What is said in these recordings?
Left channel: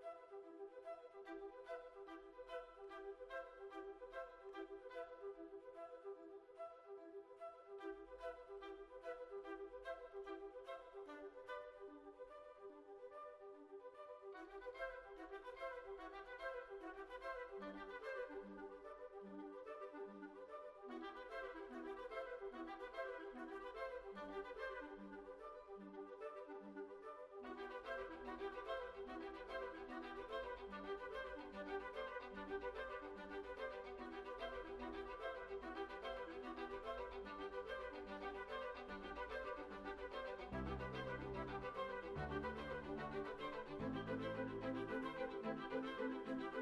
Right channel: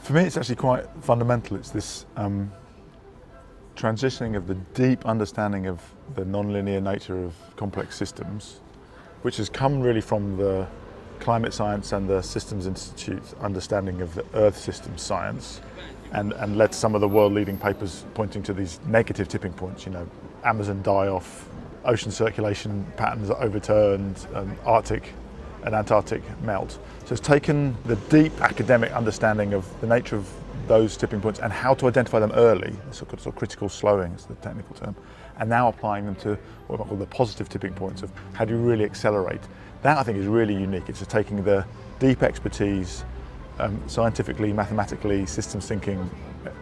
For me, it's actually quite fundamental. It's this transitioning of the deep understanding of the non-linear nature of complex systems, which has come really from the climate science and the Systems Institute's understanding of the Earth system science, and led to some of the world-leading papers pointing to these negative tipping points, Amazon die-off, ocean circulation patterns are overturned, Arctic and Antarctic melt. So it's taken the deep academic understanding of the nature of those tipping points and how to identify them early, sort of critical slowing is the technical term, and now applying them to what I call the positive tipping points of how do you really accelerate. That I think is really unique. It's just taking the deep expertise, scientifically, mathematically, systems thinking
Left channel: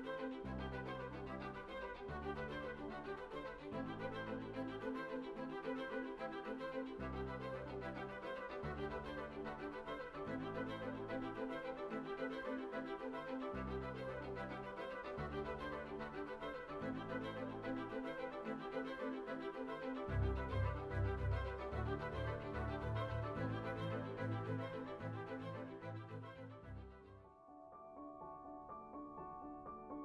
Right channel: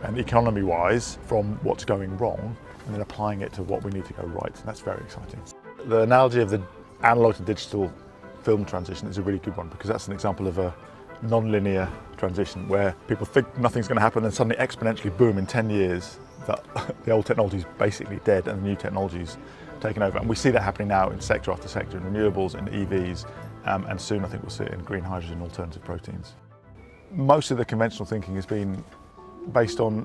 and economy-wise from what's going wrong, and then applying it to what we need to go right. And that's very exciting. The analogy of the analog to digital film transition is a really good one, because that's an example of a non-linear transition where people think nothing's going to happen and suddenly exponentially, boom, in 10 years that the old technology is basically dead and the new technology's taken over. And we see that happening now in sector after sector, in renewables, in EVs, and soon I think we'll see it in green hydrogen, alternative proteins. Most of the conventional thinking has been based on,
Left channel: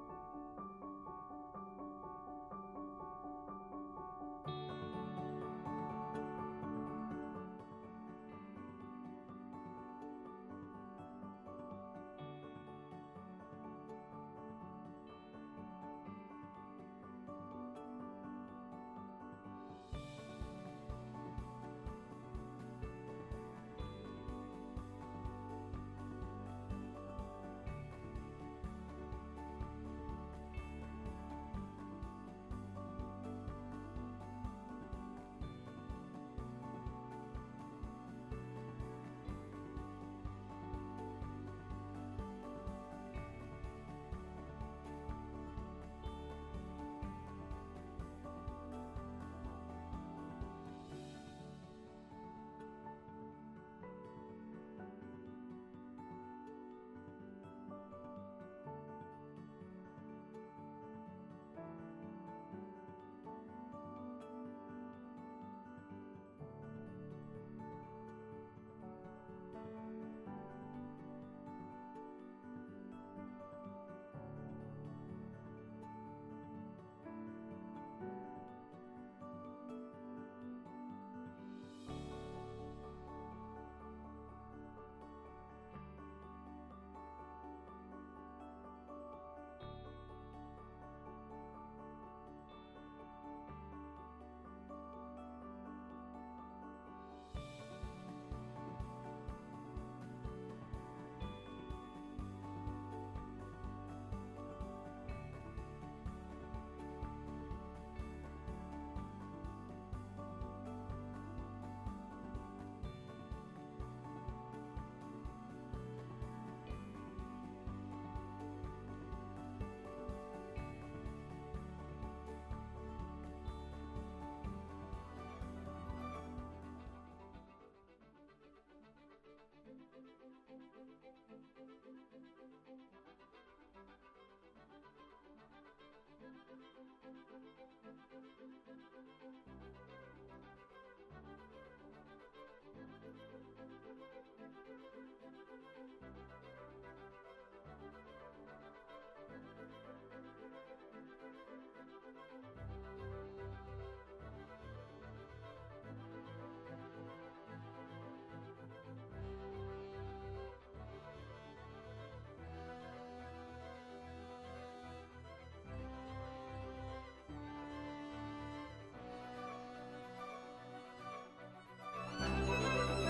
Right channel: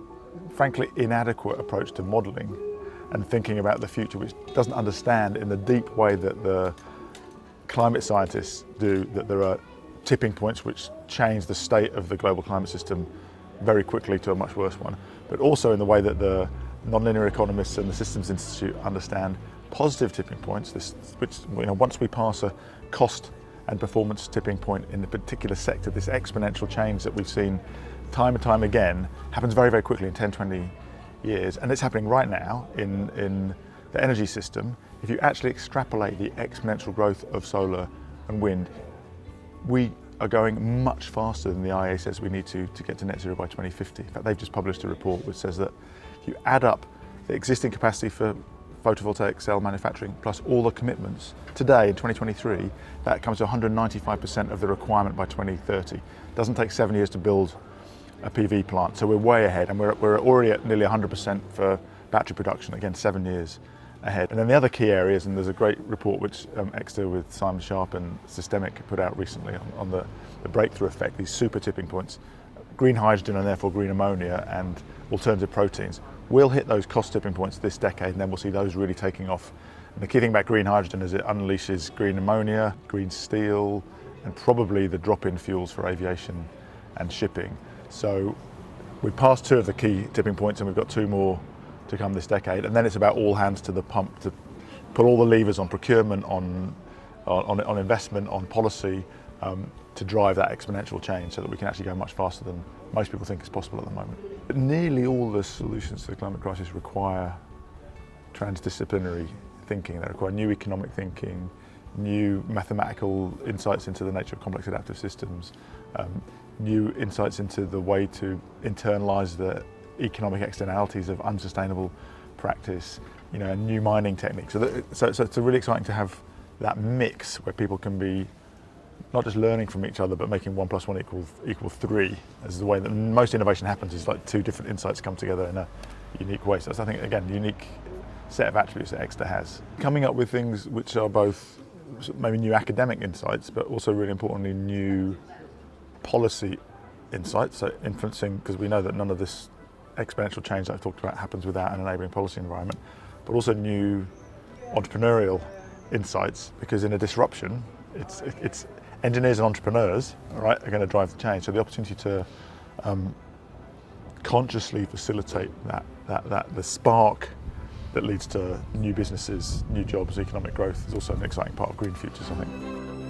frankly, inadequate approach to modelling and thinking about the future, which doesn't understand in the deep way that the climate scientists do that there are tipping points which change the state of the global climate system very quickly to a much worse one, but also in the way that the non-linear economists and the Systems Institute understand positive tipping points, which once we pass a cost and performance tipping point in a particular sector, this exponential change that we've seen time and time again happens very, very quickly in 10, 20 years, and it's happening right now in the energy system. If you actually extrapolate the exponential growth of solar and wind, we are going much faster than the IEA says we need to get to net zero by 2050. In fact, they've just published a report which says that if you add up the existing capacity for photovoltaic cell manufacturing plus all the commitments today in 2023, that comes to 195% of the requirement by 2030. It doesn't take 7 years to build a PV plant, so we're way ahead, and we're already at nearly 100% for battery production, again 7 years ahead. And then the other key areas, and there's a great report which Exeter with Simon Sharp and Systemic put out recently on the breakthrough effect, these super tipping points, green hydrogen and therefore green ammonia and alternative proteins. We'll hit those cost tipping points this decade, and then we'll see those really taking off. And the key thing about green hydrogen is it unleashes green ammonia, green steel, and probably the drop-in fuels for aviation and shipping. So we've passed 2 of the key tipping points, and we've got 2 more to come this decade, and then it's about all hands to the pump to put all the levers on procurement, on investment, on policy, to drive that exponential change so that we can actually go much faster than most people think is possible at the moment. But nearly all the solutions to the climate crisis require transdisciplinary thinking. They require new economic thinking, new mathematical insights into the nature of complex adaptive systems, new insights into the way to internalise the economic externalities of unsustainable practice, and new mining techniques. So it's really exciting to have that mix where people can be not just learning from each other, but making 1 + 1 equal 3. This is the way that most innovation happens, is like 2 different insights come together in a unique way. So that's, I think, again, a unique set of attributes that Exeter has. Coming up with things which are both maybe new academic insights, but also really importantly, new policy insights, so influencing, because we know that none of this exponential change that I've talked about happens without an enabling policy environment, but also new entrepreneurial insights, because in a disruption, it's engineers and entrepreneurs, all right, are going to drive the change. So the opportunity to consciously facilitate the spark that leads to new businesses, new jobs, economic growth is also an exciting part of Green Futures, I think.